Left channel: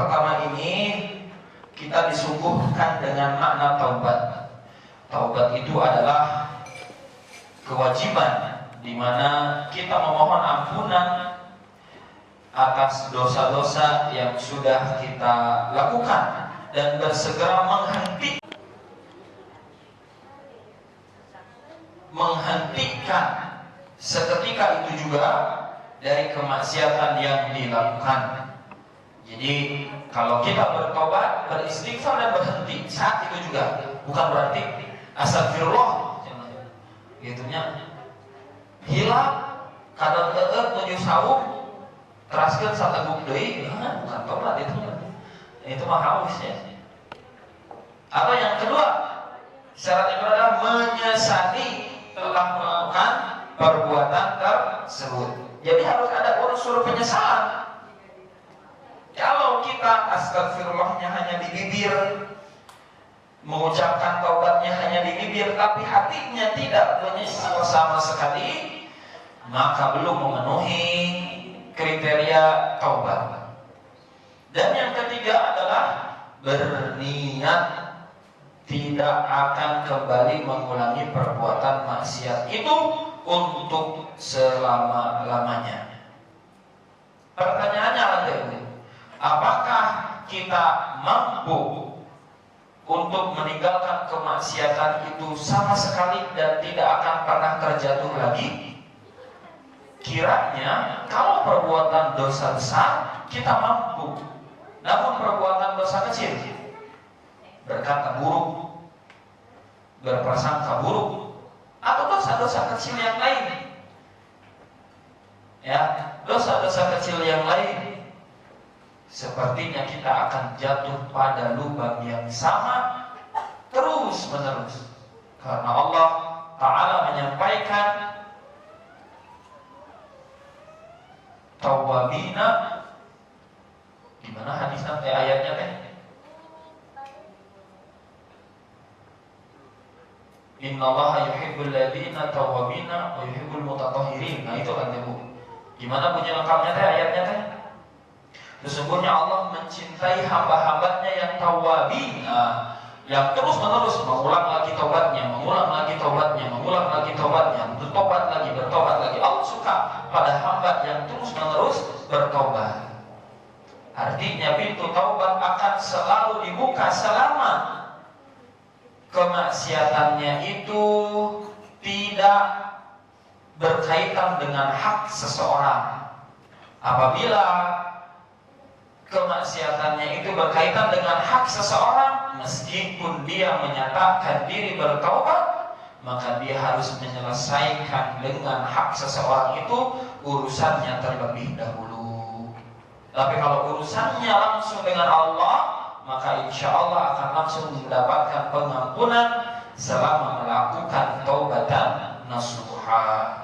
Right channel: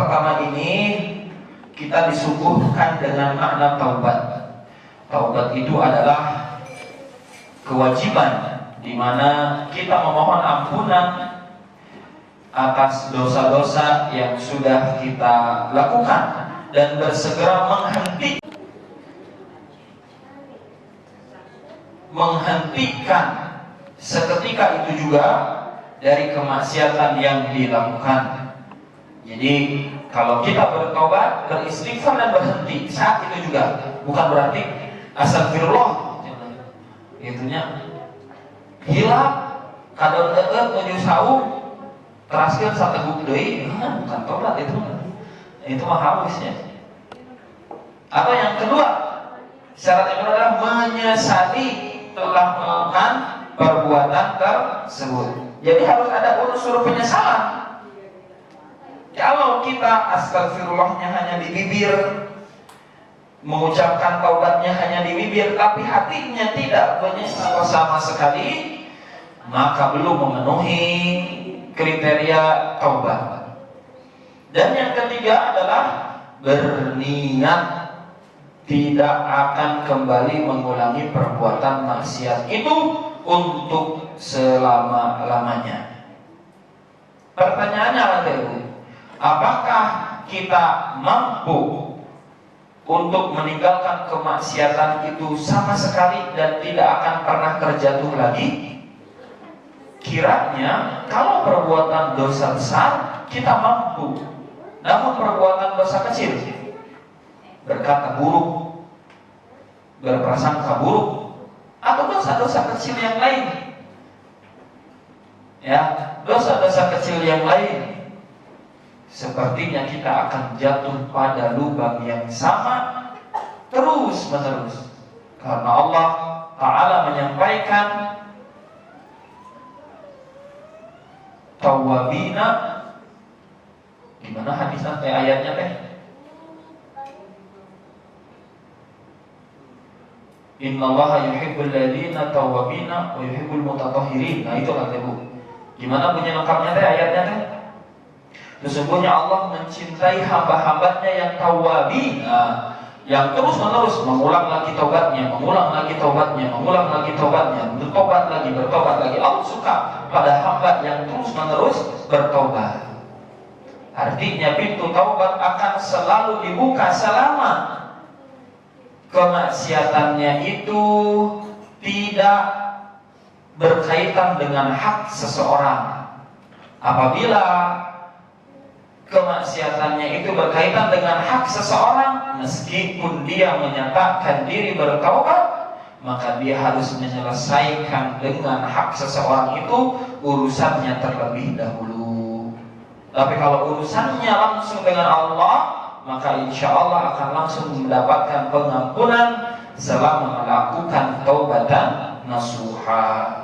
pertama ini kita disuguhkan dengan makna taubat. Taubat itu adalah kewajiban di mana kita memohon ampunan atas dosa-dosa yang sudah kita lakukan dan bersegera menghentikan seketika itu juga dari kemaksiatan yang dilakukan. Jadi kalau kita bertobat, beristighfar dan berhenti saat itu juga, bukan berarti astagfirullah gitunya hilang kadon menuju saum teraskeun sateguk deui, bukan tobat itu mah habisnya. Atau yang kedua, syarat yang kedua adalah menyesali telah melakukan perbuatan tersebut. Jadi harus ada unsur penyesalan. Kalau kita astagfirullahnya hanya di bibir, mengucapkan taubatnya hanya di bibir, tapi hatinya tidak menyesal sama sekali, maka belum memenuhi kriteria taubat. Dan yang ketiga adalah berniat tidak akan kembali mengulangi perbuatan maksiat itu untuk selama-lamanya. Pertanyaannya adalah, apakah kita mampu untuk meninggalkan kemaksiatan itu sama sekali dan tidak akan pernah terjatuh lagi? Kiranya kalau perbuatan dosa besar kita mampu, namun perbuatan dosa kecil, berkata buruk, berprasangka buruk, atau dosa-dosa kecil yang lain, ya, dosa-dosa kecil yang lain, sepertinya kita akan jatuh pada lubang yang sama terus menerus. Karena Allah Ta'ala menyampaikan tawwabina, di mana hadisnya ayatnya teh? Innallaha yuhibbul ladzina tawwabina wa yuhibbul mutatahhirin. Nah itu kan Bu. Gimana bunyi lengkapnya teh ayatnya teh? Sesungguhnya Allah mencintai hamba-hambanya yang tawwabin, yang terus-menerus mengulang lagi taubatnya, mengulang lagi taubatnya, mengulang lagi taubatnya, bertobat lagi. Allah suka pada hamba yang terus-menerus bertobat. Artinya pintu taubat akan selalu dibuka selama kemaksiatannya itu tidak berkaitan dengan hak seseorang. Apabila kemaksiatannya itu berkaitan dengan hak seseorang, meskipun dia menyatakan diri bertaubat, maka dia harus menyelesaikan dengan hak seseorang itu urusannya terlebih dahulu. Tapi kalau urusannya langsung dengan Allah, maka insya Allah akan langsung mendapatkan pengampunan selama melakukan taubatan nasuha.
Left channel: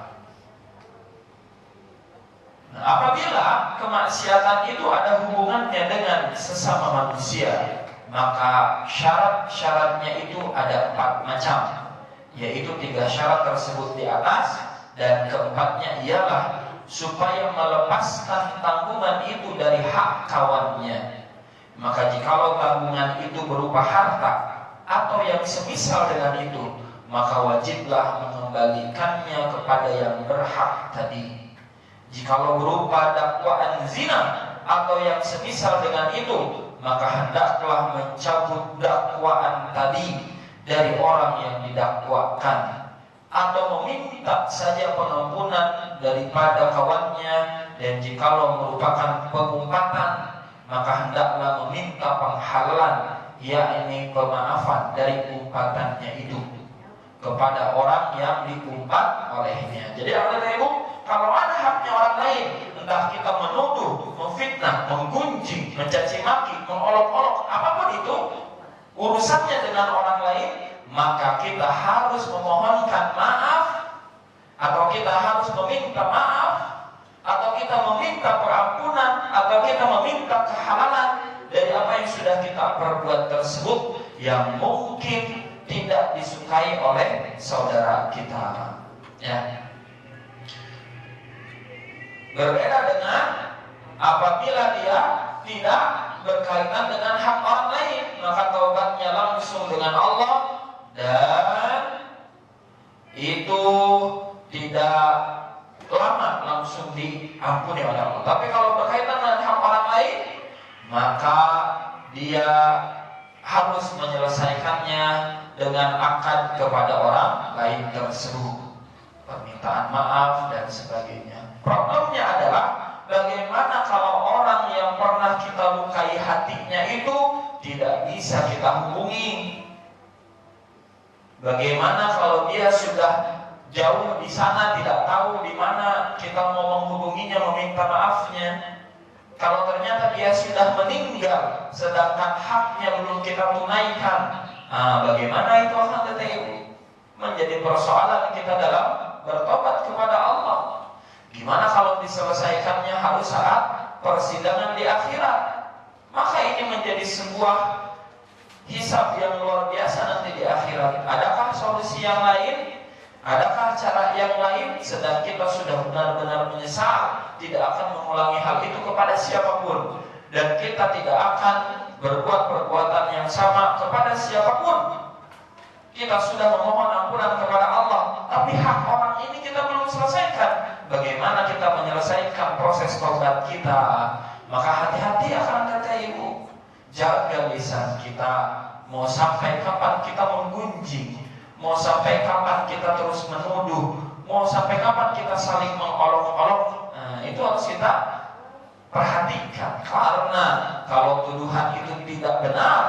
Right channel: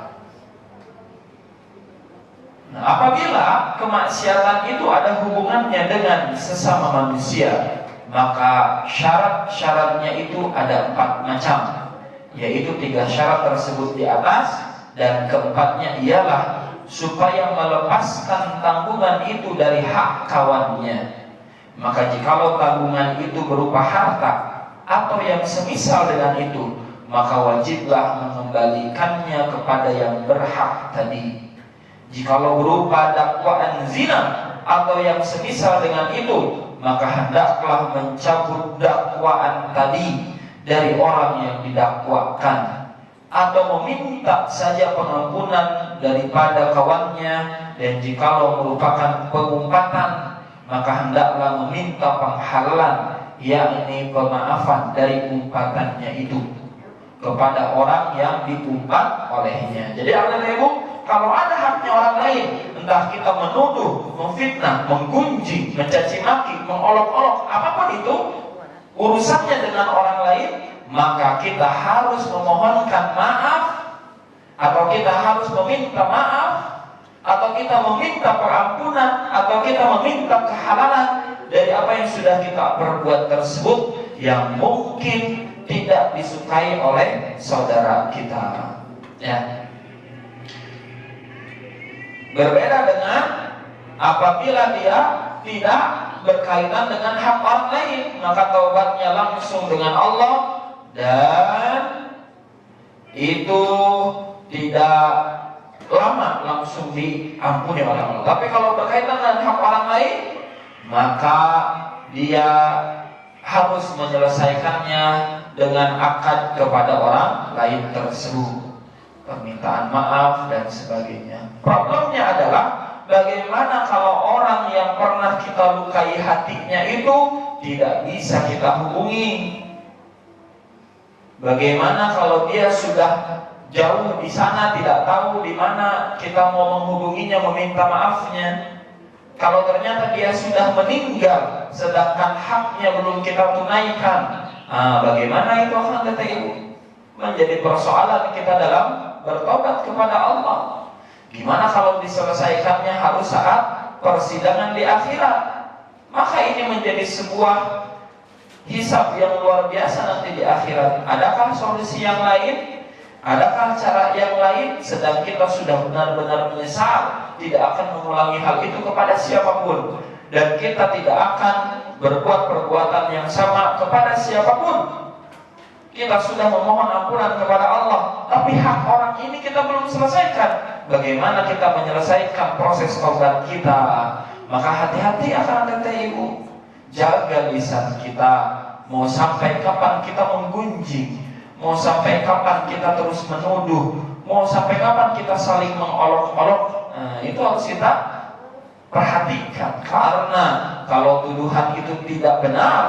Nah, apabila kemaksiatan itu ada hubungannya dengan sesama manusia, maka syarat-syaratnya itu ada 4 macam, yaitu 3 syarat tersebut di atas, dan keempatnya ialah supaya melepaskan tanggungan itu dari hak kawannya. Maka jikalau tanggungan itu berupa harta atau yang semisal dengan itu, maka wajiblah mengembalikannya kepada yang berhak tadi. Jikalau berupa dakwaan zina atau yang semisal dengan itu, maka hendaklah mencabut dakwaan tadi dari orang yang didakwakan, atau meminta saja pengampunan daripada kawannya. Dan jikalau merupakan pengumpatan, maka hendaklah meminta penghalalan, yakni pemaafan dari umpatannya itu kepada orang yang diumpat olehnya. Jadi Ibu, kalau ada haknya orang lain, entah kita menuduh, memfitnah, menggunjing, mencaci maki, mengolok-olok, apapun itu urusannya dengan orang lain, maka kita harus memohonkan maaf, atau kita harus meminta maaf, atau kita meminta pengampunan, atau kita meminta kehalalan dari apa yang sudah kita perbuat tersebut yang mungkin tidak disukai oleh saudara kita. Ya. Berbeda dengan apabila dia tidak berkaitan dengan hak orang lain, maka taubatnya langsung dengan Allah dan itu tidak lama langsung diampuni oleh Allah. Tapi kalau berkaitan dengan hak orang lain, maka dia harus menyelesaikannya dengan akad kepada orang lain tersebut, permintaan maaf dan sebagainya. Problemnya adalah bagaimana kalau orang yang pernah kita lukai hatinya itu tidak bisa kita hubungi? Bagaimana kalau dia sudah jauh di sana, tidak tahu di mana kita mau menghubunginya, meminta maafnya? Kalau ternyata dia sudah meninggal, sedangkan haknya belum kita tunaikan, bagaimana itu akan kata ibu? Menjadi persoalan kita dalam bertobat kepada Allah. Gimana kalau diselesaikannya harus saat persidangan di akhirat? Maka ini menjadi sebuah hisab yang luar biasa nanti di akhirat. Adakah solusi yang lain? Adakah cara yang lain? Sedang kita sudah benar-benar menyesal, tidak akan mengulangi hal itu kepada siapapun, dan kita tidak akan berbuat perbuatan yang sama kepada siapapun. Kita sudah memohon ampunan kepada Allah, tapi hak orang ini kita belum selesaikan. Bagaimana kita menyelesaikan proses taubat kita? Maka hati-hati akan kata ibu, jaga lisan kita. Mau sampai kapan kita menggunjing? Mau sampai kapan kita terus menuduh? Mau sampai kapan kita saling mengolok-olok? Itu harus kita perhatikan. Karena kalau tuduhan itu tidak benar,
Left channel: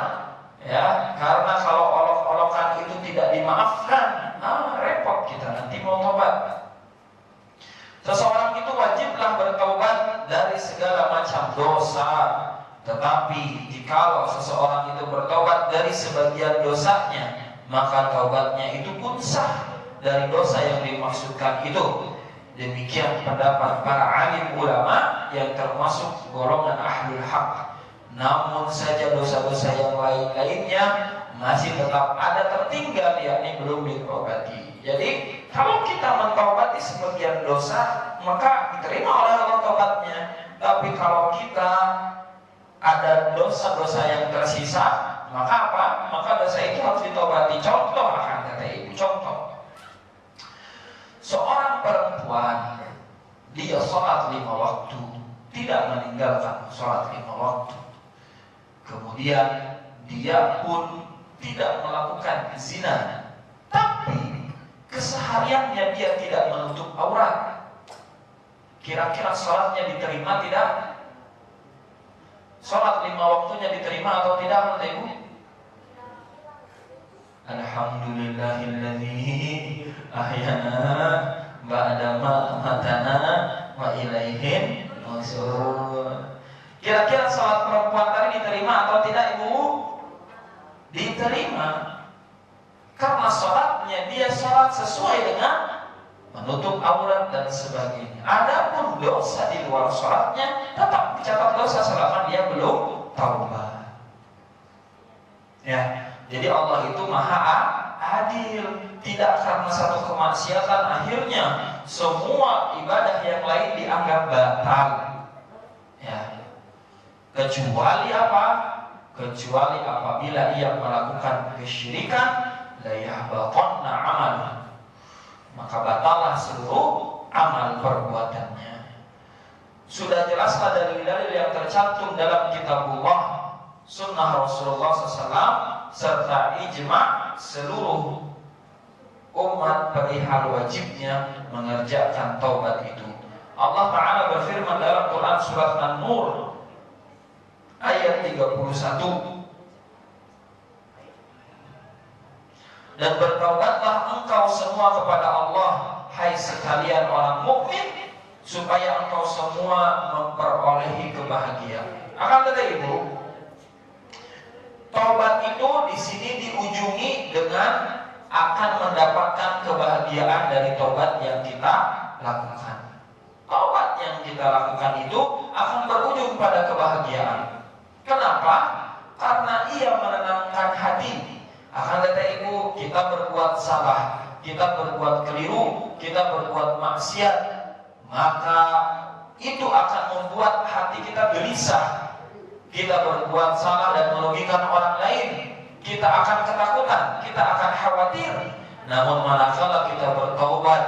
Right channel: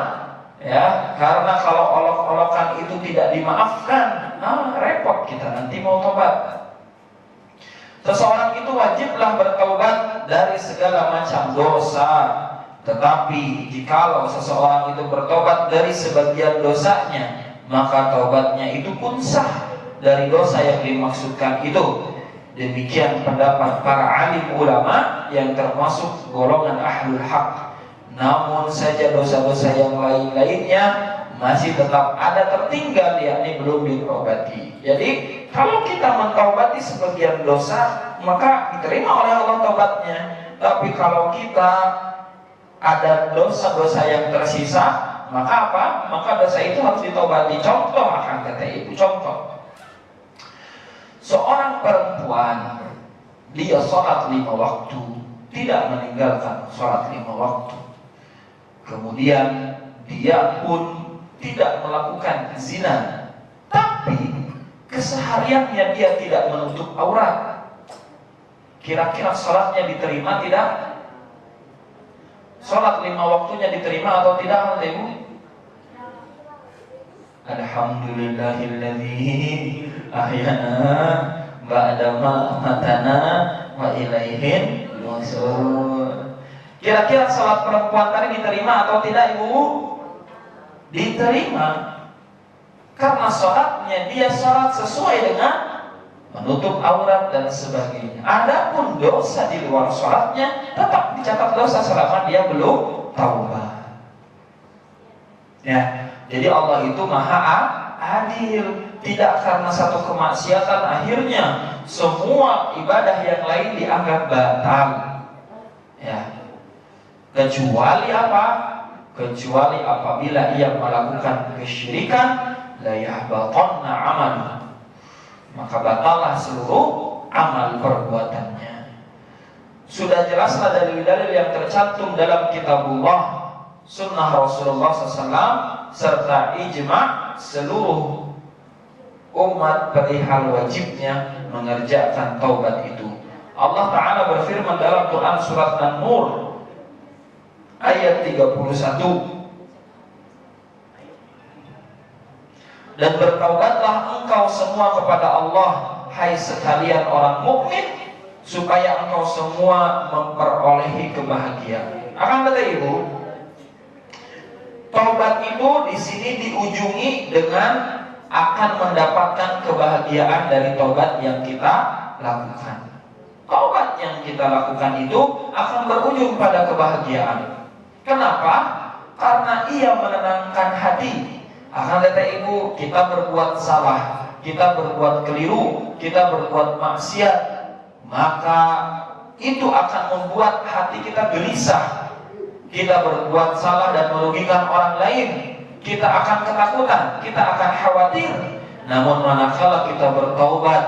ya, karena kalau olok-olokan itu tidak dimaafkan, repot kita nanti mau tobat. Seseorang itu wajiblah bertaubat dari segala macam dosa. Tetapi jikalau seseorang itu bertobat dari sebagian dosanya, maka taubatnya itu pun sah dari dosa yang dimaksudkan itu. Demikian pendapat para alim ulama yang termasuk golongan ahlul haq. Namun saja dosa-dosa yang lain-lainnya masih tetap ada tertinggal, yakni belum ditobati. Jadi kalau kita mentaubati sebagian dosa, maka diterima oleh Allah taubatnya. Tapi kalau kita ada dosa-dosa yang tersisa, maka apa? Maka dosa itu harus ditobati. Contoh akan kata ibu, contoh. Seorang perempuan, dia sholat 5 waktu, tidak meninggalkan sholat 5 waktu. Kemudian dia pun tidak melakukan zina, tapi kesehariannya dia tidak menutup aurat. Kira-kira sholatnya diterima tidak? Sholat 5 waktunya diterima atau tidak, ibu? Alhamdulillahilladzi ahyana ba'da ma amatana wa ilaihin nusyur. Kira-kira sholat perempuan tadi diterima atau tidak, ibu? Diterima. Karena sholatnya dia sholat sesuai dengan menutup aurat dan sebagainya. Adapun dosa di luar sholatnya tetap dicatat dosa selama dia belum taubat. Ya, jadi Allah itu maha adil. Tidak karena satu kemaksiatan akhirnya semua ibadah yang lain dianggap batal. Ya, kecuali apa? Kecuali apabila ia melakukan kesyirikan, la yahbatanna amaluhu, maka batallah seluruh amal perbuatannya. Sudah jelaslah dalil-dalil yang tercantum dalam kitabullah, sunnah Rasulullah SAW, serta ijma' seluruh umat perihal wajibnya mengerjakan taubat itu. Allah Ta'ala berfirman dalam Quran surat An-Nur ayat 31, dan bertaubatlah engkau semua kepada Allah, hai sekalian orang mukmin, supaya engkau semua memperolehi kebahagiaan. Akan kata ibu, taubat itu di sini diujungi dengan akan mendapatkan kebahagiaan dari taubat yang kita lakukan. Taubat yang kita lakukan itu akan berujung pada kebahagiaan. Kenapa? Karena ia menenangkan hati. Akan kata ibu, kita berbuat salah, kita berbuat keliru, kita berbuat maksiat, maka itu akan membuat hati kita gelisah. kita berbuat salah dan merugikan orang lain, kita akan ketakutan, kita akan khawatir. Namun manakala kita bertaubat,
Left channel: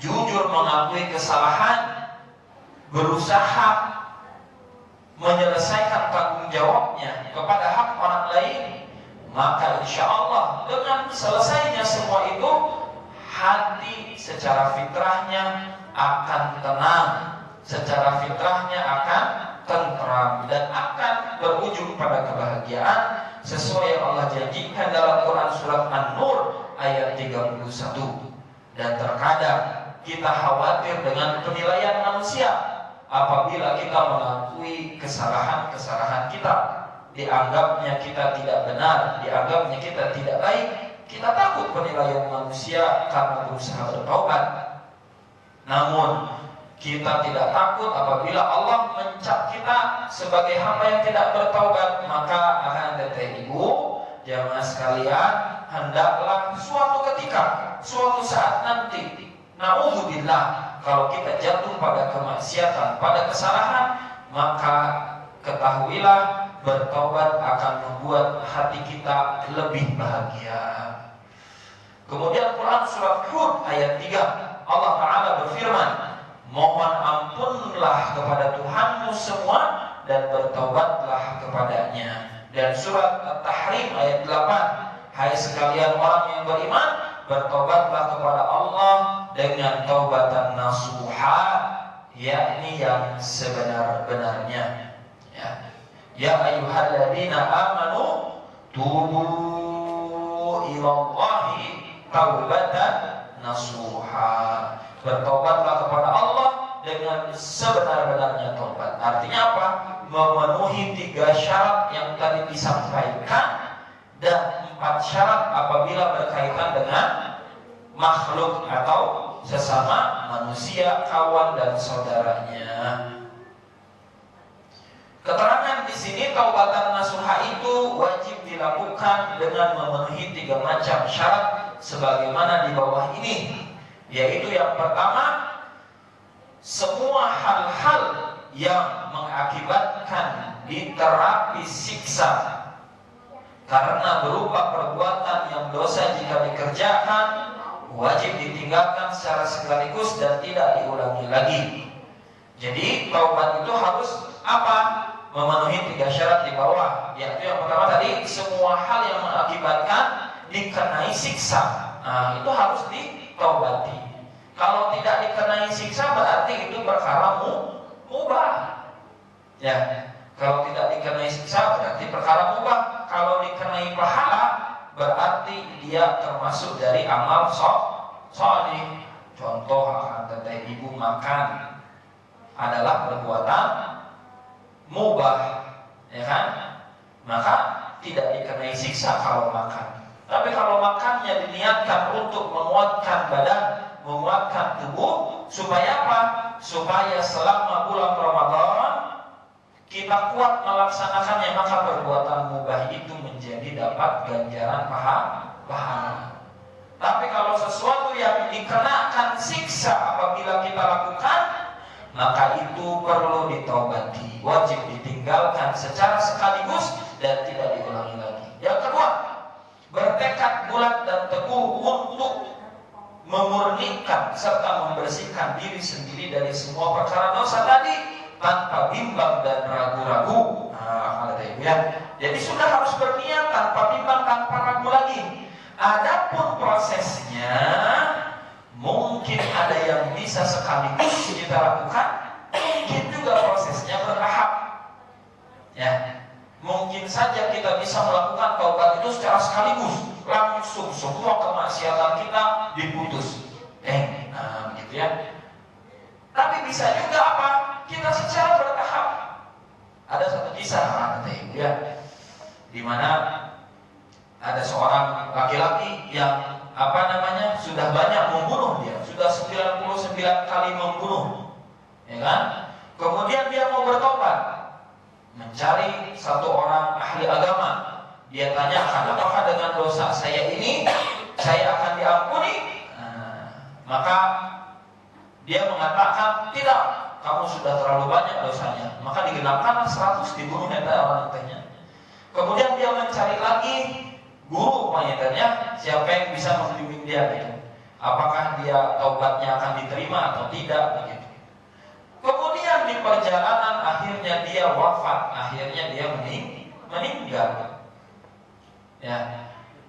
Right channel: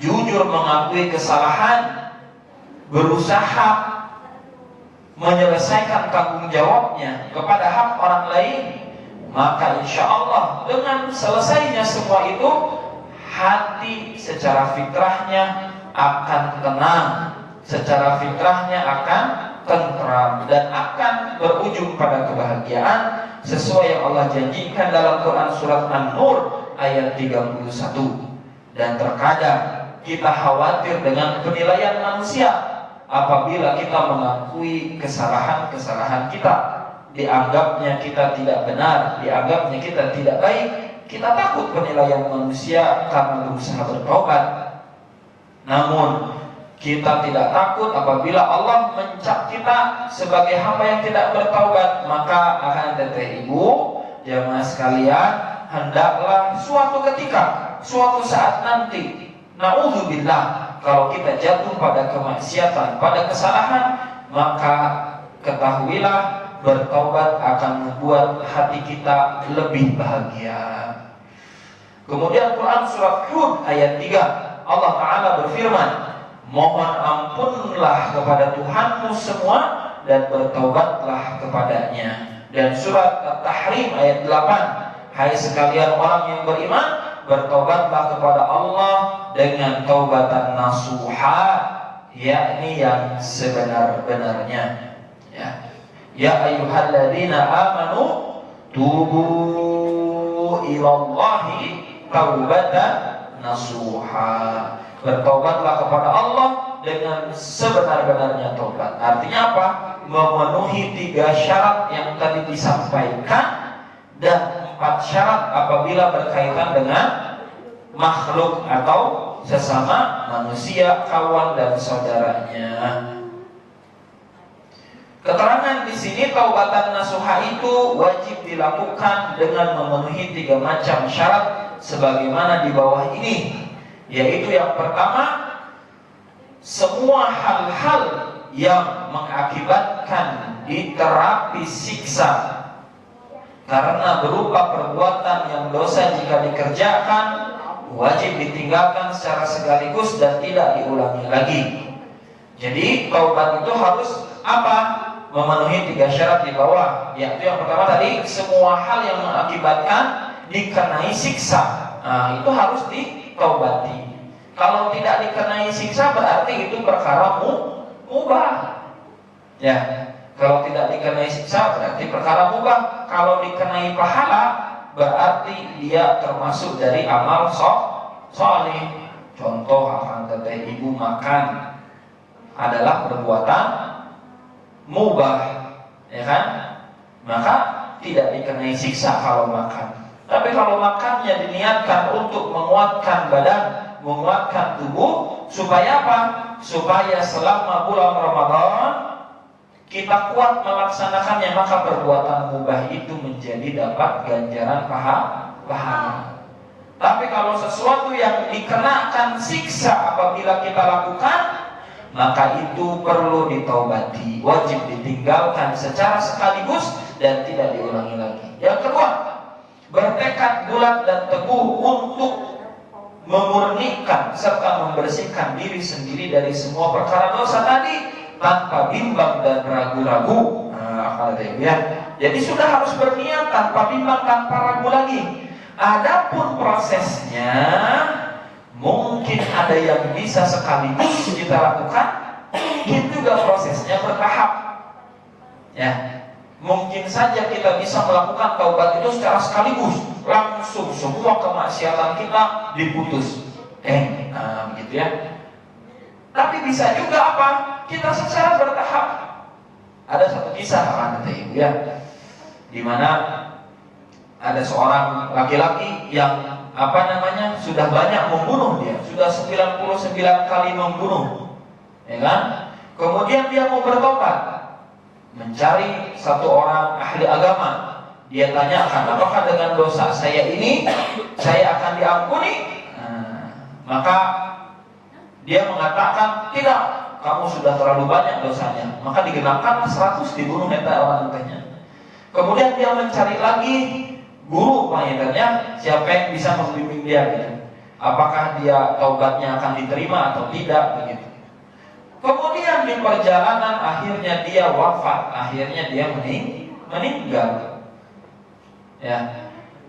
jujur mengakui kesalahan, berusaha menyelesaikan tanggung jawabnya kepada hak orang lain, maka insya Allah dengan selesainya semua itu, hati secara fitrahnya akan tenang, secara fitrahnya akan tentram, dan akan berujung pada kebahagiaan sesuai yang Allah janjikan dalam Quran surat An-Nur ayat 31. Dan terkadang kita khawatir dengan penilaian manusia apabila kita mengakui kesalahan-kesalahan kita, dianggapnya kita tidak benar, dianggapnya kita tidak baik, kita takut penilaian manusia karena berusaha bertobat. Namun kita tidak takut apabila Allah mencap kita sebagai hamba yang tidak bertaubat. Maka akan teteh ibu, jamaah sekalian, hendaklah suatu ketika, suatu saat nanti, na'udzubillah, kalau kita jatuh pada kemaksiatan, pada kesalahan, maka ketahuilah bertaubat akan membuat hati kita lebih bahagia. Kemudian Quran surat Hud ayat 3, Allah Ta'ala berfirman, mohon ampunlah kepada Tuhanmu semua dan bertaubatlah kepadanya. Dan surat At-Tahrim ayat 8, hai sekalian orang yang beriman, bertaubatlah kepada Allah dengan taubatan nasuha, yakni yang sebenar-benarnya. Ya ayyuhalladzina amanu tubu ilallahi taubatan nasuha. Bertaubatlah kepada Allah dengan sebenar-benarnya taubat. Artinya apa? Memenuhi 3 syarat yang tadi disampaikan, dan 4 syarat apabila berkaitan dengan makhluk atau sesama manusia, kawan dan saudaranya. Keterangan di sini taubatan nasuha itu wajib dilakukan dengan memenuhi 3 macam syarat sebagaimana di bawah ini, yaitu yang pertama, semua hal-hal yang mengakibatkan diterapi siksa karena berupa perbuatan yang dosa jika dikerjakan, wajib ditinggalkan secara sekaligus dan tidak diulangi lagi. Jadi taubat itu harus apa? Memenuhi 3 syarat di bawah, yaitu yang pertama tadi, semua hal yang mengakibatkan dikenai siksa, itu harus ditaubati. Kalau tidak dikenai siksa berarti itu perkara mubah. Ya, kalau tidak dikenai siksa berarti perkara mubah. Kalau dikenai pahala berarti dia termasuk dari amal sholih. Contoh akan teteh ibu makan adalah perbuatan mubah, ya kan? Maka tidak dikenai siksa kalau makan. Tapi kalau makannya diniatkan untuk menguatkan badan, menguatkan tubuh, supaya apa? Supaya selama bulan Ramadan kita kuat melaksanakannya, maka perbuatan mubah itu menjadi dapat ganjaran pahala. Tapi kalau sesuatu yang dikenakan siksa apabila kita lakukan, maka itu perlu ditaubati, wajib ditinggalkan secara sekaligus dan tidak diulangi lagi. Yang kedua, bertekad bulat dan teguh untuk memurnikan serta membersihkan diri sendiri dari semua perkara dosa tadi tanpa bimbang dan ragu-ragu. Jadi sudah harus berniat tanpa bimbang, tanpa ragu lagi. Adapun prosesnya, mungkin ada yang bisa sekaligus kita lakukan, mungkin juga prosesnya bertahap. Ya, mungkin saja kita bisa melakukan taubat itu secara sekaligus, langsung semua kemaksiatan kita diputus. Gitu ya. Tapi bisa juga apa? Kita secara bertahap. Ada satu kisah kata ibu ya, di mana ada seorang laki-laki yang sudah banyak membunuh, dia sudah 99 kali membunuh, ya kan? Kemudian dia mau bertobat, mencari satu orang ahli agama. Dia tanyakan, apakah dengan dosa saya ini saya akan diampuni? Maka dia mengatakan tidak, kamu sudah terlalu banyak dosanya, maka digenapkan 100 dibunuh orang tanya. Kemudian dia mencari lagi guru pengajarnya, siapa yang bisa membimbing dia gitu. Apakah dia taubatnya akan diterima atau tidak begitu. Kemudian di perjalanan akhirnya dia wafat, akhirnya dia meninggal. Ya.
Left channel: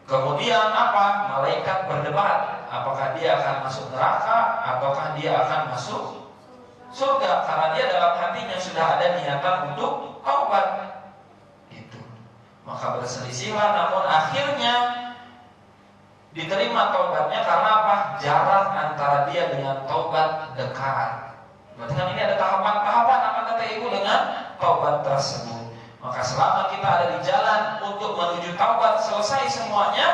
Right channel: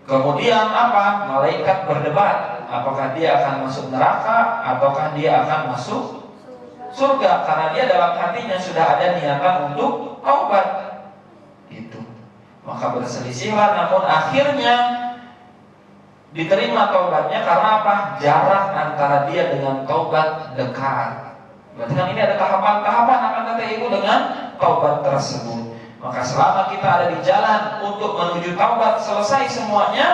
Kemudian apa? Malaikat berdebat, apakah dia akan masuk neraka ataukah dia akan masuk surga, karena dia dalam hatinya sudah ada niatan untuk taubat. Itu. Maka berselisihlah, namun akhirnya diterima taubatnya karena apa? Jarak antara dia dengan taubat dekat. Berarti kan ini ada tahapan-tahapan akan kata ibu dengan taubat tersebut. Maka selama kita ada di jalan untuk menuju taubat selesai semuanya,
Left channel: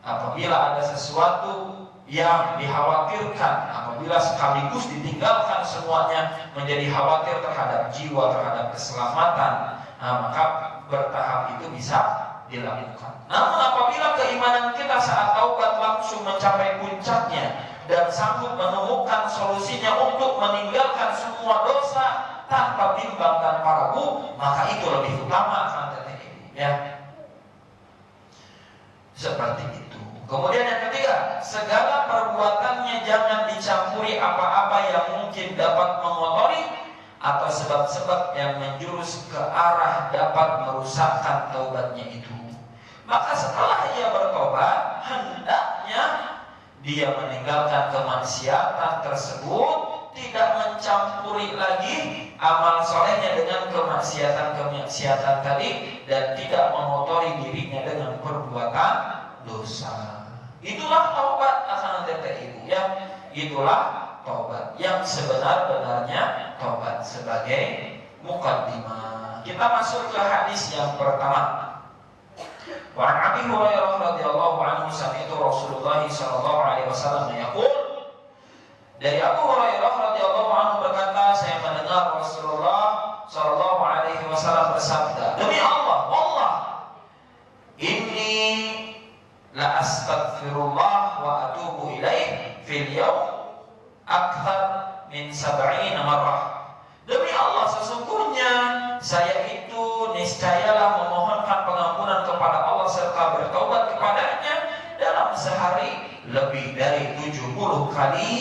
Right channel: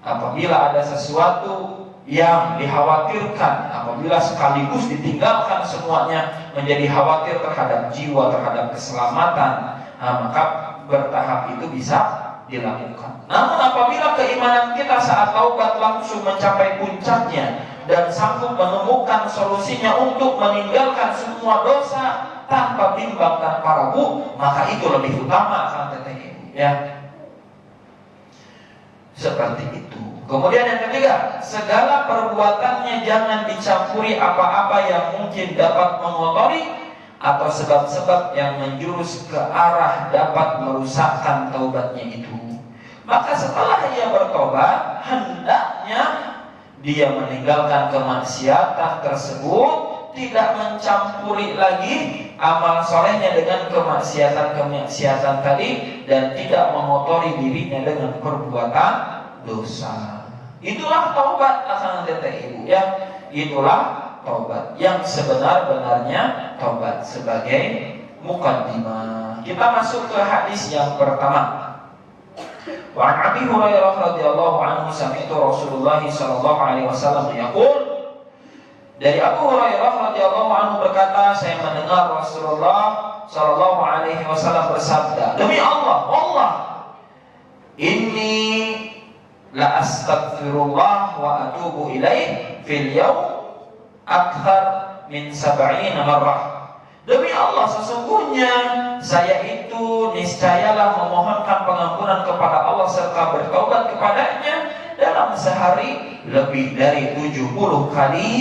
apabila ada sesuatu yang dikhawatirkan, apabila sekaligus ditinggalkan semuanya, menjadi khawatir terhadap jiwa, terhadap keselamatan, maka bertahap itu bisa dilakukan. Namun apabila keimanan kita saat taubat langsung mencapai puncaknya dan sanggup menemukan solusinya untuk meninggalkan semua dosa tanpa bimbang, tanpa ragu, maka itu lebih utama akan teteh ya. Seperti itu. Kemudian yang ketiga, segala perbuatannya jangan dicampuri apa-apa yang mungkin dapat mengotori atau sebab-sebab yang menjurus ke arah dapat merusakkan taubatnya itu. Maka setelah dia bertobat, hendaknya dia meninggalkan kemaksiatan tersebut, tidak mencampuri lagi amal solehnya dengan kemaksiatan tadi, dan tidak mengotori dirinya dengan perbuatan dosa. Itulah taubat akan teteh ibu ya. Itulah taubat yang sebenar-benarnya taubat. Sebagai mukaddimah, kita masuk ke hadis yang pertama. Wa an Abi Hurairah radhiyallahu anhu sami'tu Rasulullah sallallahu alaihi wasallam yaqul. Dari Abu Hurairah radhiyallahu anhu berkata, saya mendengar Rasulullah sallallahu alaihi wasallam bersabda, demi Allah, wallah, inni la astaghfirullah wa atubu ilaih fil yawm akthar min 70 marrah. Demi Allah, sesungguhnya saya itu niscayalah memohonkan pengampunan kepada Allah serta bertaubat kepadanya dalam sehari lebih dari 70 kali.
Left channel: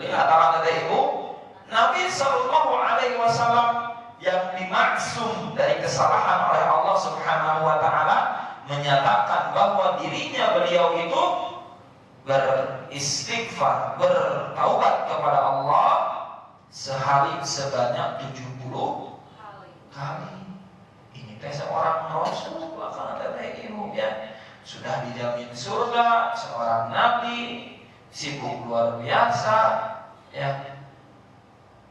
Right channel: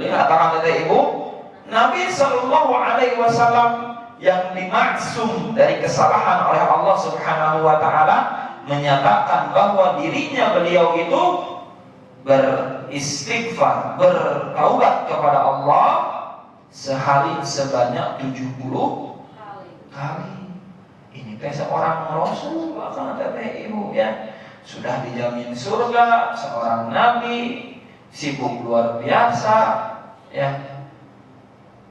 Lihat kata ibu, Nabi Sallallahu Alaihi Wasallam yang dimaksum dari kesalahan oleh Allah Subhanahu Wa Taala menyatakan bahwa dirinya beliau itu beristighfar, bertaubat kepada Allah sehari sebanyak 70 kali. Ini teh seorang Rasul akan teteh ibu ya, sudah dijamin surga, seorang Nabi, sibuk luar biasa ya,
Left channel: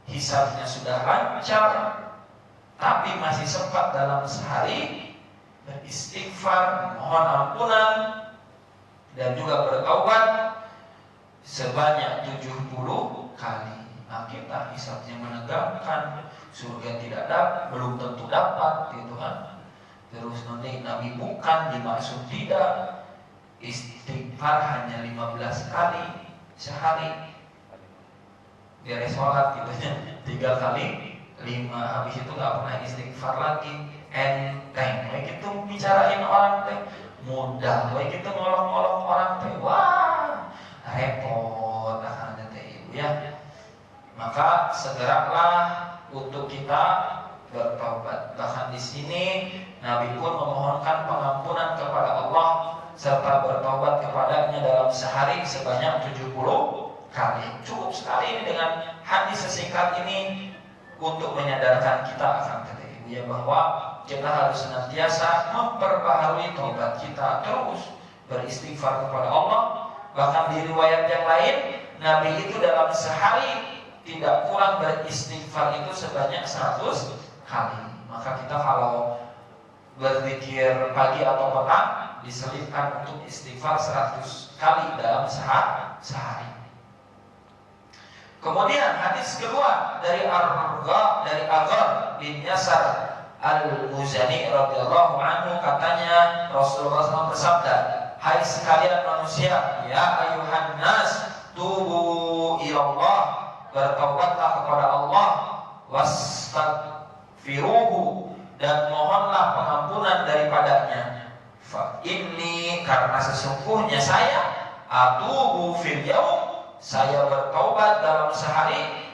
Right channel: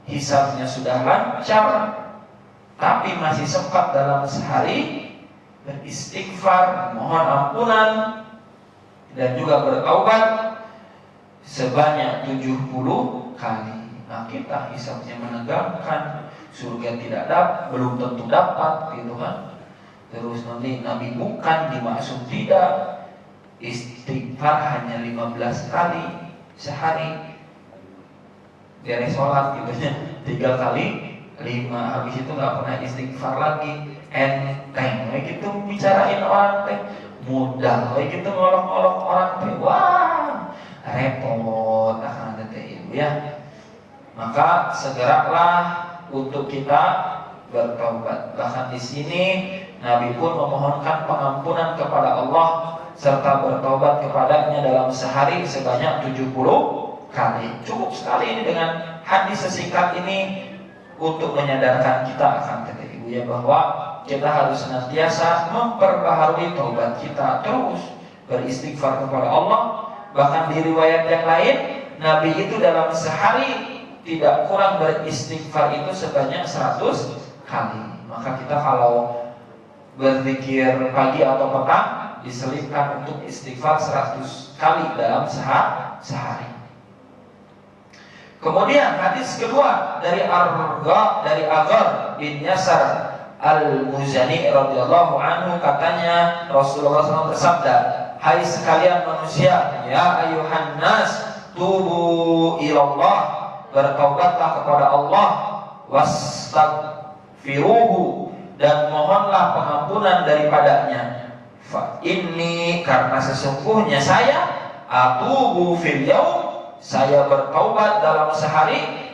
hisabnya sudah lancar, tapi masih sempat dalam sehari beristighfar, mohon ampunan dan juga bertaubat sebanyak 70 kali. Nah, kita hisabnya menegangkan, surga tidak belum tentu dapat gitu kan. Terus nanti Nabi bukan dimaksud tidak, istighfar hanya 15 kali sehari, beres sholat gitu ya, 3 kali 5, habis itu nggak pernah istighfar lagi. Enteng, kayak gitu bicarain orang teh, mudah, kayak gitu ngolong-ngolong orang teh, wah repot akan teh ibu ya. Maka segeralah untuk kita bertobat. Bahkan di sini Nabi pun memohonkan pengampunan kepada Allah serta bertobat kepadanya dalam sehari sebanyak 70 kali. Cukup sekali ini dengan hadis sesingkat ini untuk menyadarkan kita akan kata ibu ya, bahwa kita harus senantiasa memperbaharui taubat kita, terus beristighfar kepada Allah. Bahkan di riwayat yang lain, Nabi itu dalam sehari tidak kurang beristighfar itu sebanyak 100 kali. Maka kita kalau berzikir pagi atau petang diselipkan untuk istighfar 100 kali dalam sehari. Kemudian hadis kedua dari Aghar bin Yasar Al-Muzani radhiyallahu anhu, katanya Rasulullah SAW bersabda, hai sekalian manusia, ya ayuhan nas tubu ilallah bertaubatlah kepada Allah, wastaghfiruhu, dan mohonlah pengampunan daripadanya. Fa inni, karena sesungguhnya saya, atubu fil yaum, saya bertaubat dalam sehari,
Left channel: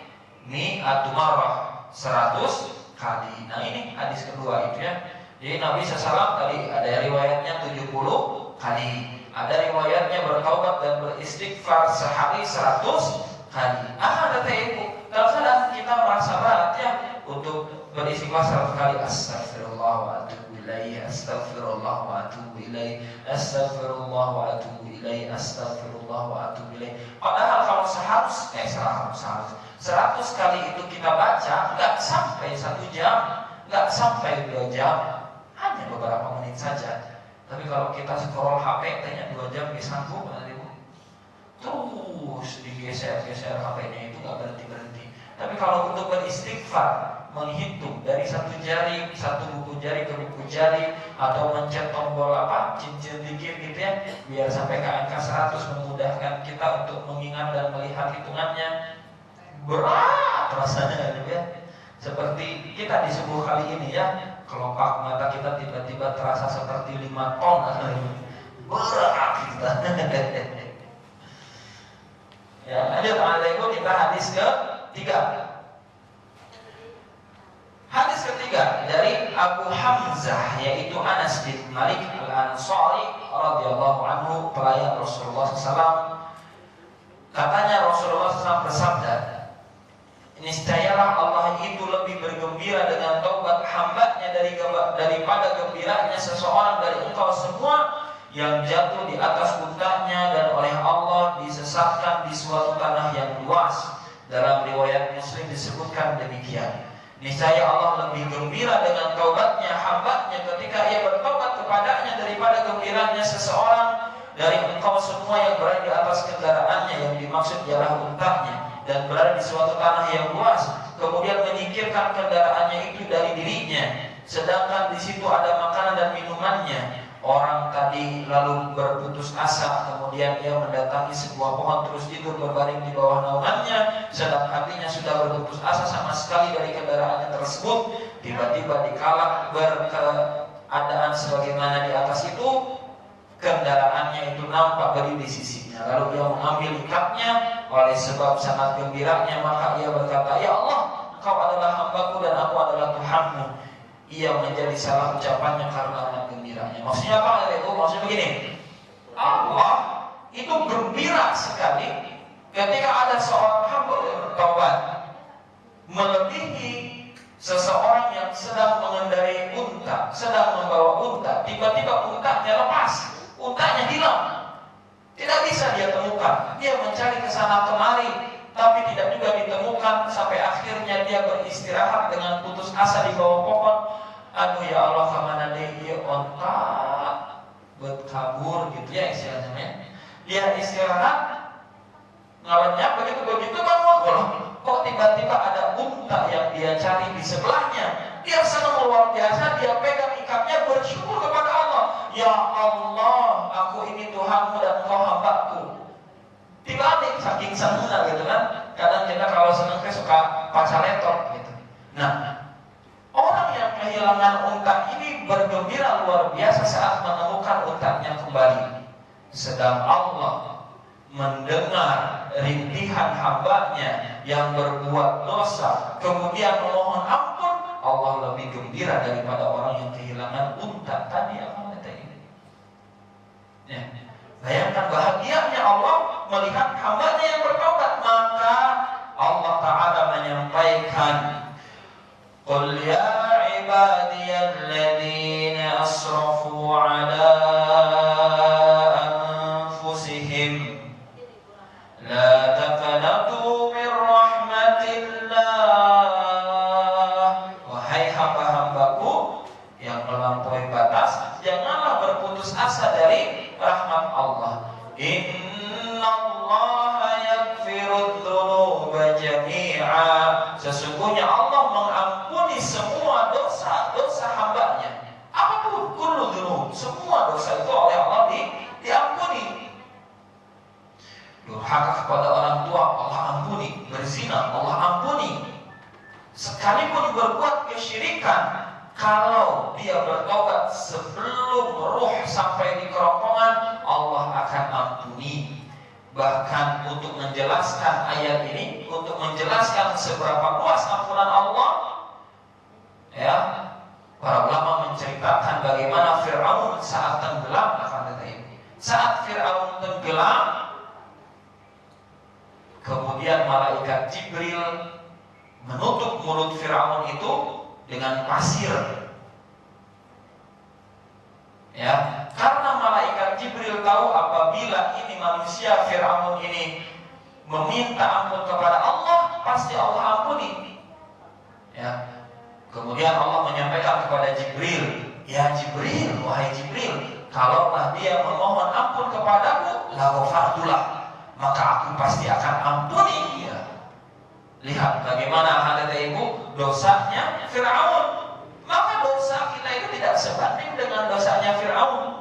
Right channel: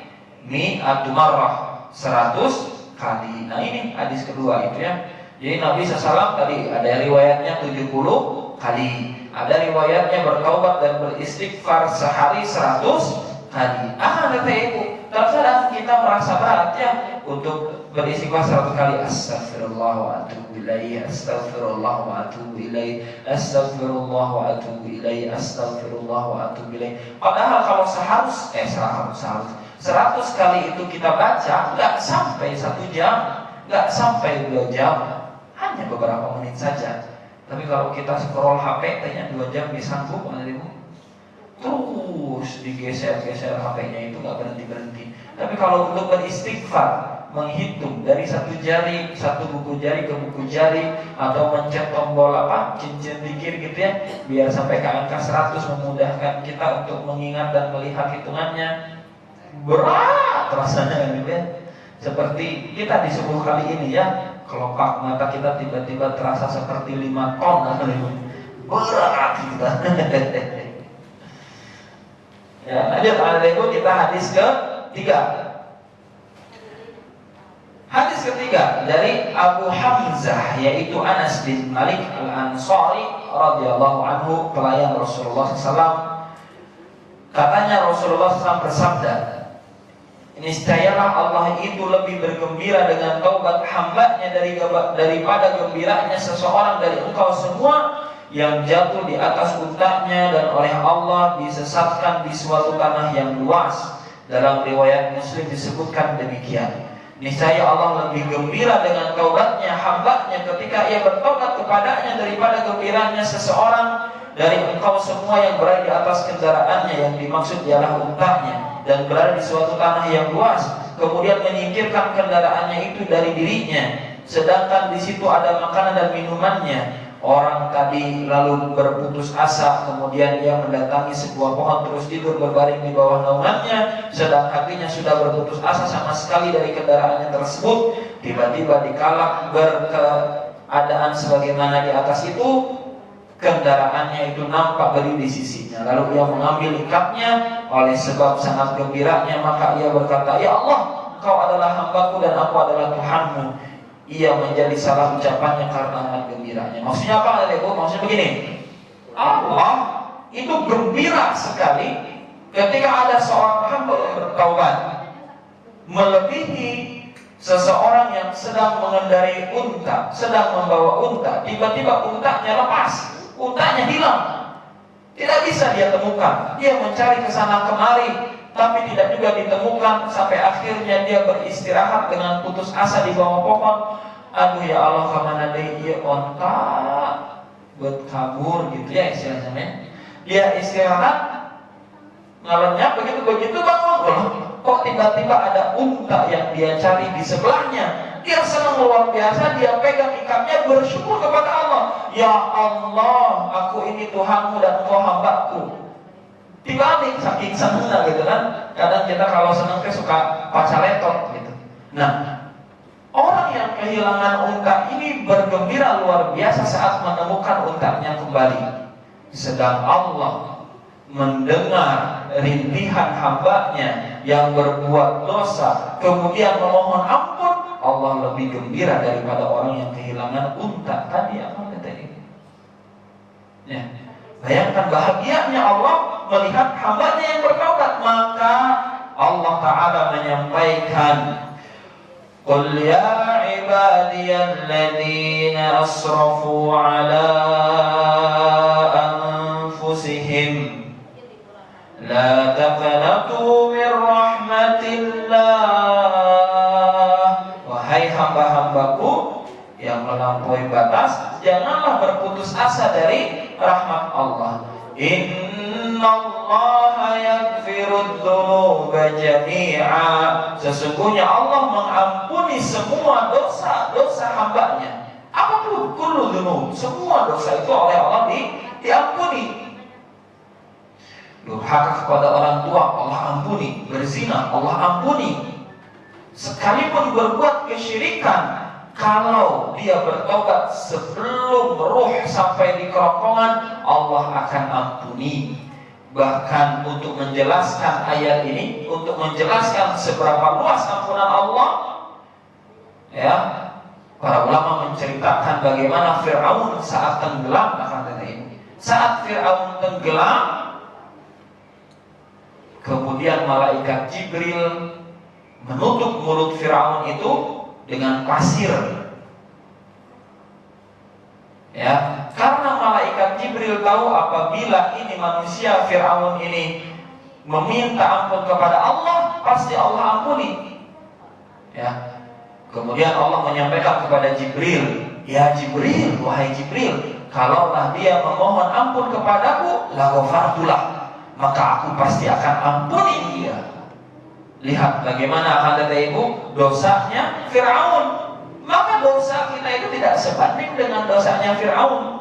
mi'atu marrah, 100 kali. Nah ini hadis kedua itu ya. Jadi Nabi SAW tadi ada riwayatnya 70 kali, ada riwayatnya bertaubat dan beristighfar sehari 100 kali. Kata ibu, terkadang kita merasa berat ya untuk beristighfar 100 kali. Astagfirullah wa atubu ilaih, astagfirullah wa atubu ilaih, astagfirullah wa atubu ilaih, astagfirullah wa atubu ilaih. Padahal kalau seharus 100 kali itu kita baca, nggak sampai 1 jam, nggak sampai 2 jam, hanya beberapa menit saja. Tapi kalau kita scroll HP, tanya 2 jam bisa sanggup, terus digeser-geser HP-nya itu nggak berhenti-berhenti. Tapi kalau untuk beristighfar, menghitung dari satu buku jari ke buku jari, atau mencet tombol cincin dikir gitu ya, biar sampai ke angka 100, memudahkan kita untuk mengingat dan melihat hitungannya. Berat rasanya gitu ya. Seperti kita di subuh kali ini ya, kelopak mata kita tiba-tiba terasa seperti 5 ton. Berat kita. Ya, lanjut Ibu, kita hadis ketiga. Hadis ketiga dari Abu Hamzah, yaitu Anas bin Malik Al-Ansari radhiyallahu anhu, pelayan Rasulullah SAW. Katanya Rasulullah SAW bersabda, niscayalah Allah itu lebih bergembira dengan taubat hambanya daripada gembiranya seseorang dari engkau semua yang jatuh di atas untanya dan oleh Allah disesatkan di suatu tanah yang luas. Dalam riwayat Muslim disebutkan demikian. Niscaya Allah lebih gembira dengan taubatnya hambanya ketika ia bertobat kepadanya daripada gembiranya seseorang dari engkau semua yang berada di atas kendaraannya, yang dimaksud ialah untanya, dan berada di suatu tanah yang luas, kemudian menyingkirkan kendaraannya itu dari dirinya, sedangkan di situ ada makanan dan minumannya. Orang tadi lalu berputus asa, kemudian ia mendatangi sebuah pohon terus tidur berbaring di bawah naungannya, sedang hatinya sudah berputus asa sama sekali dari kendaraannya tersebut. Tiba-tiba dikala berkeadaan sebagaimana di atas itu, kendaraannya itu nampak berdiri di sisinya. Lalu dia mengambil ikatnya oleh sebab sangat gembiranya, maka ia berkata, ya Allah, Engkau adalah hambaku dan aku adalah Tuhanmu. Ia menjadi salah ucapannya karena sangat gembiranya. Maksudnya apa Ibu? Maksudnya begini, Allah itu gembira sekali ketika ada seorang hamba yang bertaubat, melebihi seseorang yang sedang mengendarai unta, sedang membawa unta, tiba-tiba untanya lepas, untanya hilang, tidak bisa dia temukan. Dia mencari ke sana kemari, tapi tidak juga ditemukan, sampai akhirnya dia beristirahat dengan putus asa di bawah pohon. Aduh ya Allah, kemana dia onta berkabur gitu ya istilahnya. Dia istirahat, ngalenyap begitu bangun, kok tiba-tiba ada unta yang dia cari di sebelahnya. Dia senang luar biasa, dia pegang ikatnya, bersyukur kepada Allah. Ya Allah, aku ini Tuhanmu dan Engkau hambaku. Dibalik saking senangnya gitu kan. Kadang kita kalau senang suka pacaleton gitu. Nah, orang yang kehilangan unta ini bergembira luar biasa saat menemukan untanya kembali. Sedang Allah mendengar rintihan hambanya yang berbuat dosa, kemudian memohon ampun, Allah lebih gembira daripada orang yang kehilangan unta tadi. Apa kata ini? Ya. Bayangkan bahagianya Allah melihat hambanya yang bertaubat. Maka Allah Ta'ala menyampaikan, qul ya ibadiyalladzina asrafu ala anfusihim la taqnatu min rahmatillah. Wahai hamba-hambaku yang melampaui batas, janganlah berputus asa dari rahmat Allah. Innallaha yaghfirudz dzunuba jami'a. Sesungguhnya Allah mengampuni semua dosa-dosa hambanya. Apapun, kullu dzunub, semua dosa itu oleh Allah diampuni. durhaka kepada orang tua, Allah ampuni. Berzina, Allah ampuni. Sekalipun berbuat kesyirikan, kalau dia bertobat sebelum ruh sampai di kerongkongan, Allah akan ampuni. Bahkan untuk menjelaskan ayat ini, untuk menjelaskan seberapa luas ampunan Allah, ya, para ulama menceritakan bagaimana Fir'aun saat tenggelam akan ini. Saat Fir'aun tenggelam, kemudian malaikat Jibril menutup mulut Fir'aun itu dengan pasir. Ya, karena malaikat Jibril tahu apabila ini manusia Fir'aun ini meminta ampun kepada Allah, pasti Allah ampuni. Ya. Kemudian Allah menyampaikan kepada Jibril, ya Jibril, wahai Jibril, kalaulah dia memohon ampun kepadaku, la ghafartulah, maka aku pasti akan ampuni dia. Lihat bagaimana kata ibu dosanya Fir'aun. Maka dosa kita itu tidak sebanding dengan dosanya Fir'aun.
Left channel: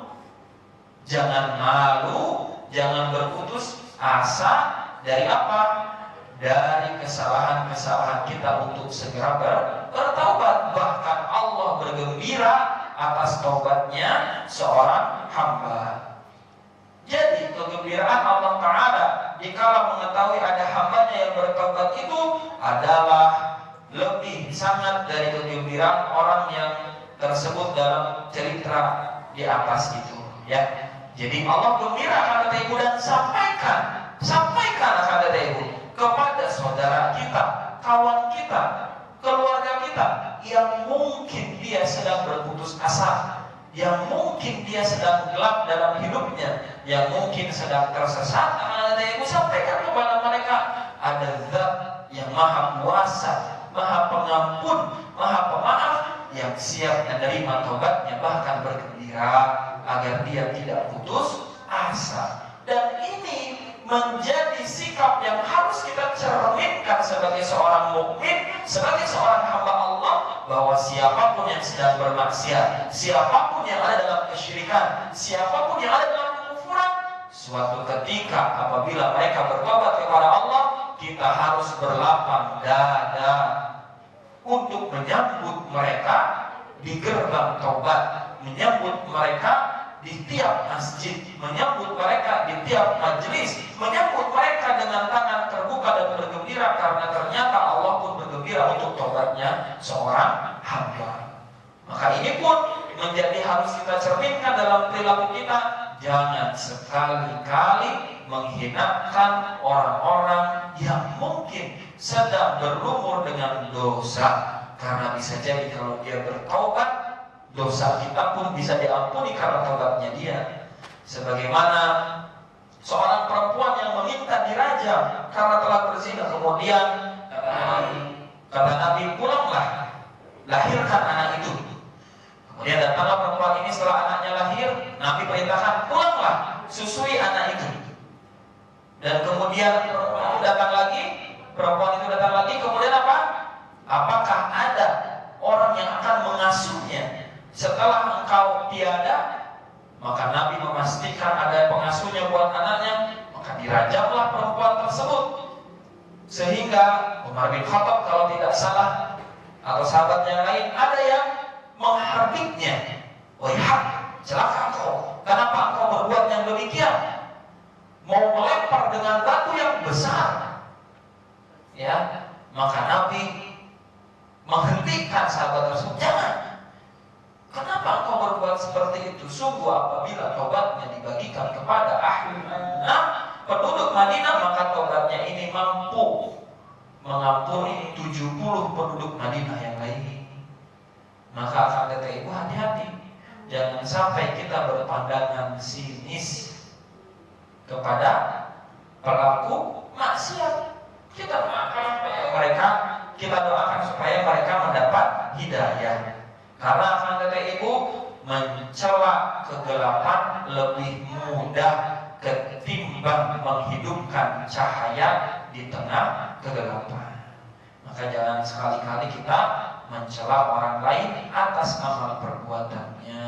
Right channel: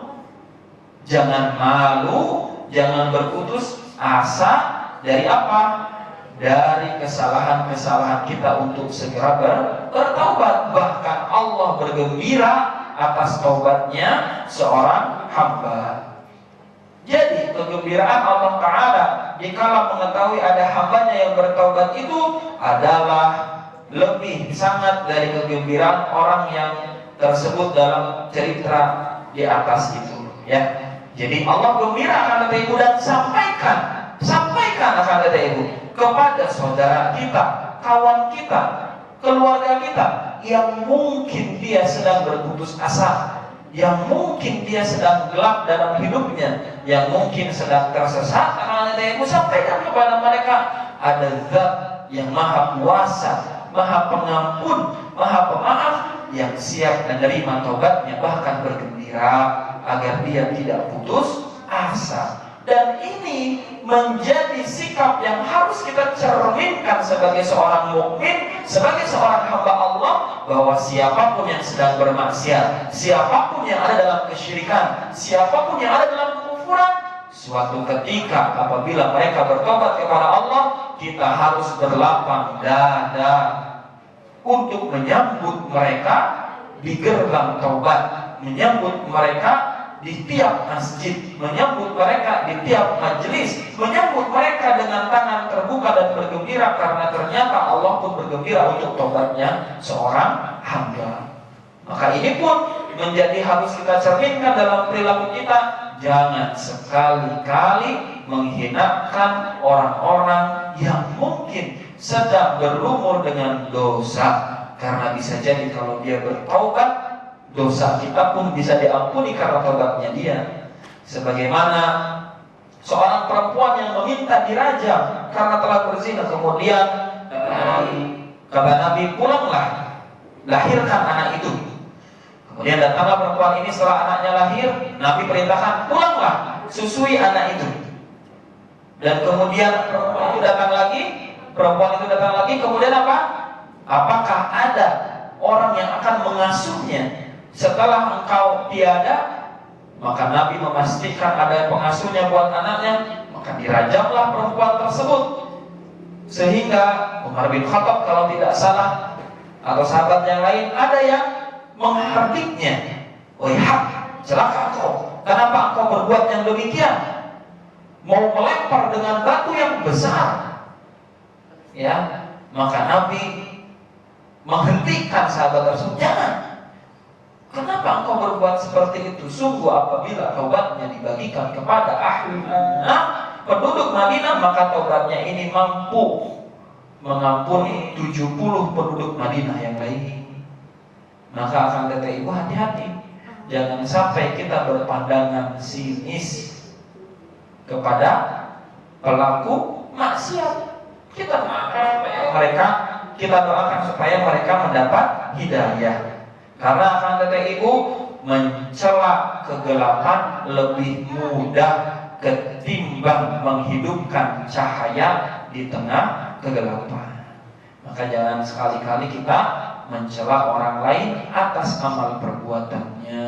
Jangan malu, jangan berputus asa. Dari apa? Dari kesalahan-kesalahan kita untuk segera bertaubat. Bahkan Allah bergembira atas taubatnya seorang hamba. Jadi kegembiraan Allah Ta'ala dikala mengetahui ada hambanya yang bertaubat itu adalah lebih sangat dari kegembiraan orang yang tersebut dalam cerita di atas itu, ya. Jadi Allah gembira kata ibu dan sampaikan kata ibu kepada saudara kita, kawan kita, keluarga kita yang mungkin dia sedang berputus asa, yang mungkin dia sedang gelap dalam hidupnya, yang mungkin sedang tersesat. Kata ibu sampaikan kepada mereka ada Zat yang Maha Kuasa, Maha Pengampun, Maha Pemaaf, yang siap menerima tobatnya, bahkan bergembira agar dia tidak putus asa. Dan ini menjadi sikap yang harus kita cerminkan sebagai seorang mukmin, sebagai seorang hamba Allah, bahwa siapapun yang sedang bermaksiat, siapapun yang ada dalam kesyirikan, siapapun yang ada dalam kekufuran, suatu ketika apabila mereka bertobat kepada Allah, kita harus berlapang dada untuk menyambut mereka di gerbang taubat, menyambut mereka di tiap masjid, menyambut mereka di tiap majelis, menyambut mereka dengan tangan terbuka dan bergembira, karena ternyata Allah pun bergembira untuk taubatnya seorang hamba. Maka ini pun menjadi harus kita cerminkan dalam perilaku kita. Jangan sekali-kali menghinakan orang-orang yang mungkin sedang berumur dengan dosa, karena bisa jadi kalau dia bertaubat, dosa kita pun bisa diampuni karena taubatnya dia. Sebagaimana seorang perempuan yang meminta dirajam karena telah berzina, kemudian kata Nabi, pulanglah, lahirkan anak itu. Kemudian datanglah perempuan ini setelah anaknya lahir, Nabi perintahkan, pulanglah, susui anak itu. Dan kemudian perempuan itu datang lagi, kemudian apa? Apakah ada orang yang akan mengasuhnya setelah engkau tiada? Maka Nabi memastikan ada pengasuhnya buat anaknya, maka dirajamlah perempuan tersebut. Sehingga Umar bin Khattab kalau tidak salah, atau sahabat yang lain, ada yang menghardiknya. Wahai, celaka engkau, kenapa engkau berbuat yang demikian? Mau melempar dengan batu yang besar. Ya, maka Nabi menghentikan sahabat tersebut. Jangan. Kenapa engkau berbuat seperti itu? Sungguh apabila taubatnya dibagikan kepada ahli Madinah, penduduk Madinah, maka taubatnya ini mampu mengampuni 70 penduduk Madinah yang lain. Maka akan kata ibu, hati-hati, jangan sampai kita berpandangan sinis kepada pelaku maksiat. Kita doakan supaya mereka mendapat hidayah. Karena akan kata ibu, mencela kegelapan lebih mudah ketimbang menghidupkan cahaya di tengah kegelapan. Maka jangan sekali-kali kita mencela orang lain atas amal perbuatannya.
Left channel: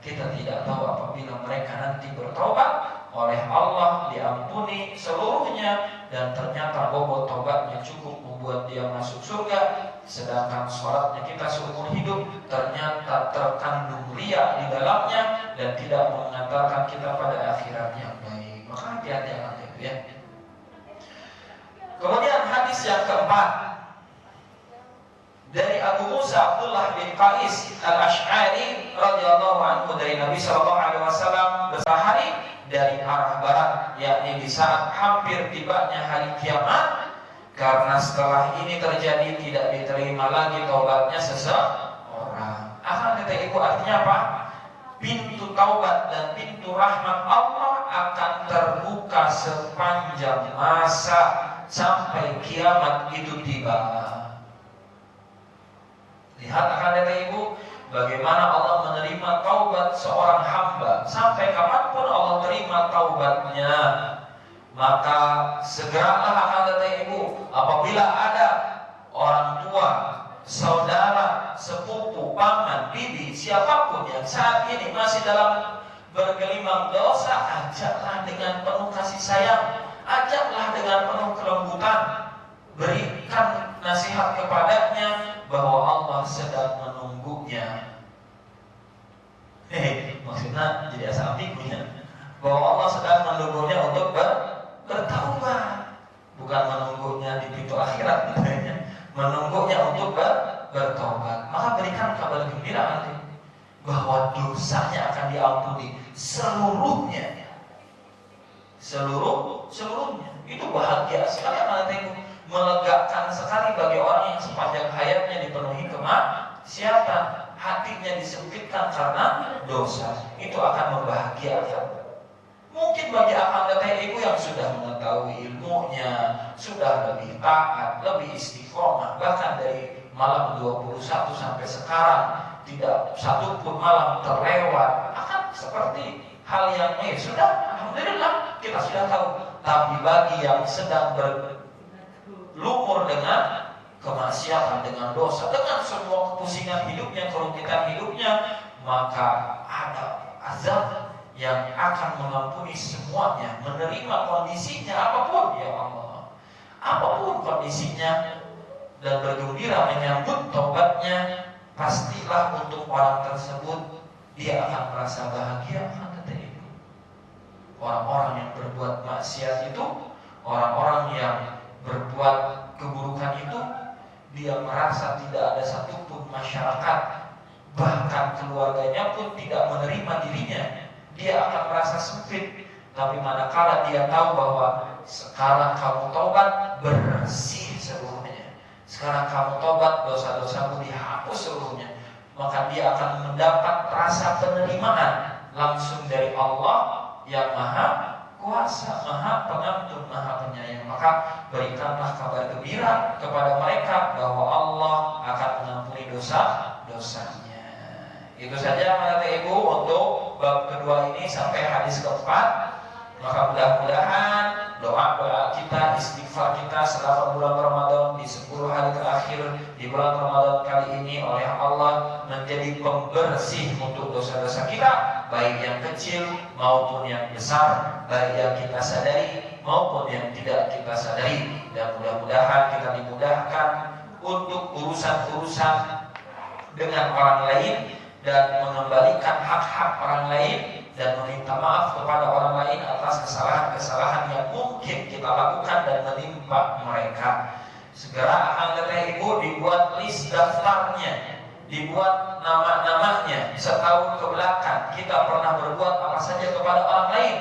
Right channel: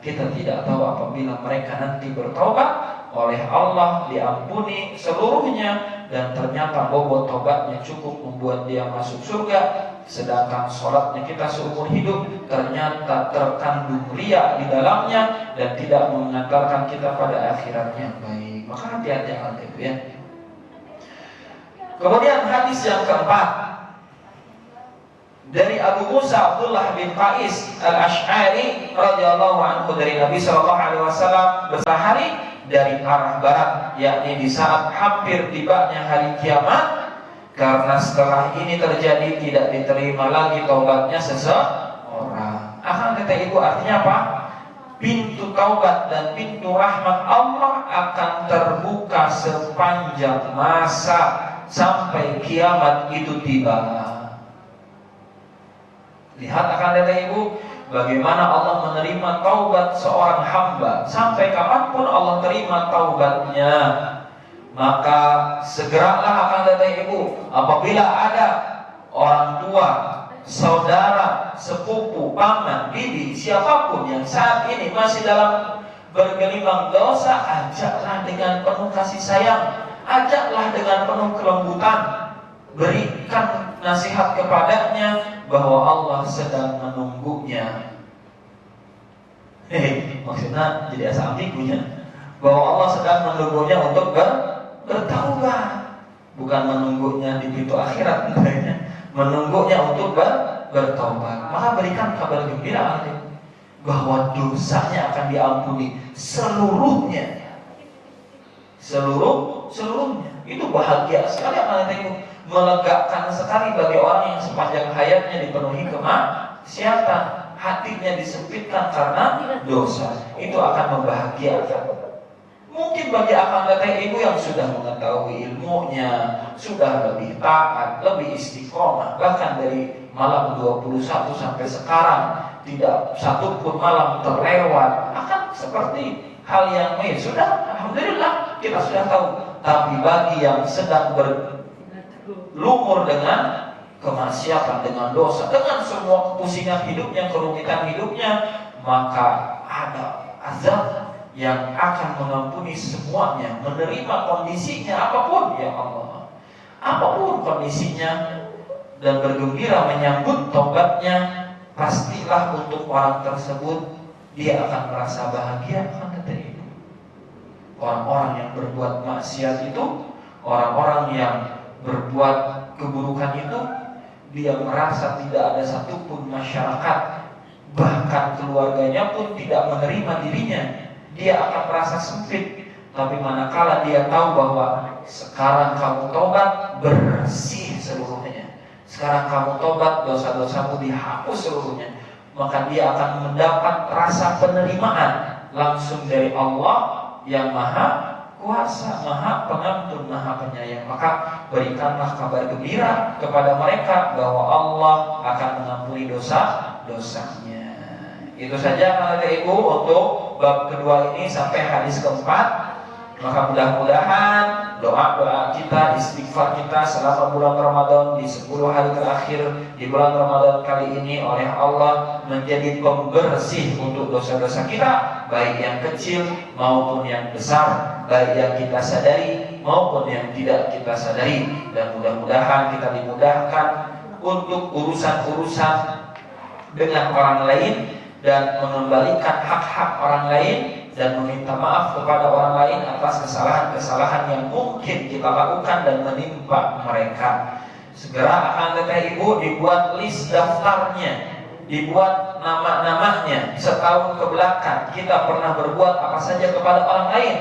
Kita tidak tahu apabila mereka nanti bertobat oleh Allah diampuni seluruhnya, dan ternyata bobot tobatnya cukup membuat dia masuk surga, sedangkan sholatnya kita seumur hidup ternyata terkandung riya di dalamnya dan tidak mengantarkan kita pada akhiratnya baik. Maka hati-hati akan itu ya. Kemudian hadis yang keempat dari Abu Musa Abdullah bin Qais Al-Asy'ari radhiyallahu anhu, dari Nabi sallallahu alaihi wasallam bersahari dari arah barat, yakni di saat hampir tibanya hari kiamat, karena setelah ini terjadi tidak diterima lagi taubatnya seseorang. Akan kata ibu, artinya apa? Pintu taubat dan pintu rahmat Allah akan terbuka sepanjang masa sampai kiamat itu tiba. Lihat akan kata ibu, bagaimana Allah menerima taubat seorang hamba. Sampai kapanpun Allah terima taubatnya. Maka segeralah akan kata ibu, apabila ada orang tua, saudara, sepupu, paman, bibi, siapapun yang saat ini masih dalam bergelimang dosa, ajaklah dengan penuh kasih sayang, ajaklah dengan penuh kelembutan, berikan nasihat kepadanya bahwa Allah sedang menunggunya. Maksudnya jadi asa ambigunya, bahwa Allah sedang menunggunya untuk bertaubat, bukan menunggunya di pintu akhirat, menunggunya untuk bertaubat. Maka berikan kabar gembira bahwa dosanya akan diampuni seluruhnya, seluruhnya. Itu bahagia sekali akan itu, melegakan sekali bagi orang yang sepanjang hayatnya dipenuhi kemaksiatan, hatinya disempitkan karena dosa. Itu akan membahagiakan. Mungkin bagi akang teteh ibu yang sudah mengetahui ilmunya, sudah lebih taat, lebih istiqomah, bahkan dari malam 21 sampai sekarang tidak satu pun malam terlewat, akan seperti hal yang sudah, alhamdulillah kita sudah tahu. Tapi bagi yang sedang berlumur dengan kemaksiatan, dengan dosa, dengan semua kepusingan hidupnya, kerumitan hidupnya, maka ada azab yang akan mengampuni semuanya, menerima kondisinya apapun ya Allah, apapun kondisinya, dan bergembira menyambut taubatnya. Pastilah untuk orang tersebut dia akan merasa bahagia akan kata itu. Orang-orang yang berbuat maksiat itu, orang-orang yang berbuat keburukan itu, dia merasa tidak ada satupun masyarakat, bahkan keluarganya pun tidak menerima dirinya. Dia akan merasa sempit. Tapi manakala dia tahu bahwa sekarang kamu tobat, bersih seluruhnya, sekarang kamu tobat, dosa-dosamu dihapus seluruhnya, maka dia akan mendapat rasa penerimaan langsung dari Allah yang Maha Kuasa, Maha Pengampun, Maha Penyayang. Maka berikanlah kabar gembira kepada mereka bahwa Allah akan mengampuni dosa-dosanya. Itu saja kata ibu untuk bab kedua ini sampai hadis keempat. Maka mudah-mudahan doa-doa kita, istighfar kita selama bulan Ramadan, di 10 hari terakhir di bulan Ramadan kali ini oleh Allah menjadi pembersih untuk dosa-dosa kita, baik yang kecil maupun yang besar, baik yang kita sadari maupun yang tidak kita sadari. Dan mudah-mudahan kita dimudahkan untuk urusan-urusan dengan orang lain, dan mengembalikan hak-hak orang lain, dan meminta maaf kepada orang lain atas kesalahan-kesalahan yang mungkin kita lakukan dan menimpa mereka. Segera akan kata ibu dibuat list daftarnya, dibuat nama-namanya setahun ke belakang kita pernah berbuat apa saja kepada orang lain.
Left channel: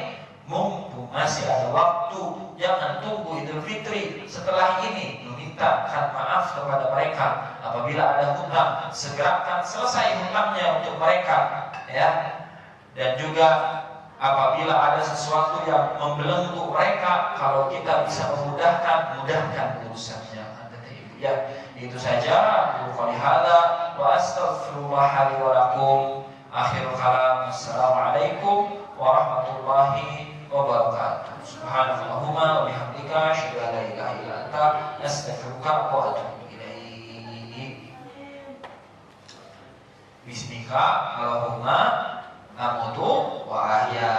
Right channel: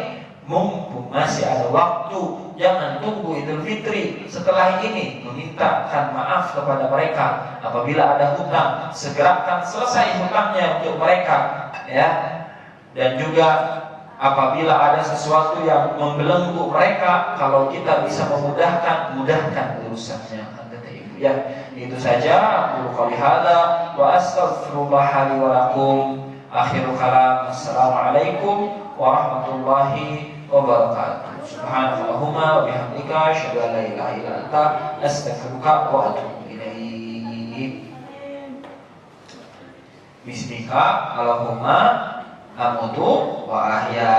Mumpung masih ada waktu, jangan tunggu Idul Fitri setelah ini memintakan maaf kepada mereka. Apabila ada hutang, segerakan selesai hutangnya untuk mereka, ya. Dan juga apabila ada sesuatu yang membelenggu mereka, kalau kita bisa memudahkan, mudahkan urusannya. Ya, itu saja. Aku qouli hadza wa astaghfirullah li wa lakum. Akhirul kalam. Assalamualaikum warahmatullahi wabarakatuh. Subhanallahumma wa bihamdika asyhadu an la ilaha illa anta astaghfiruka wa atubu ilaik. Bismika Allahumma amutu wa ahya.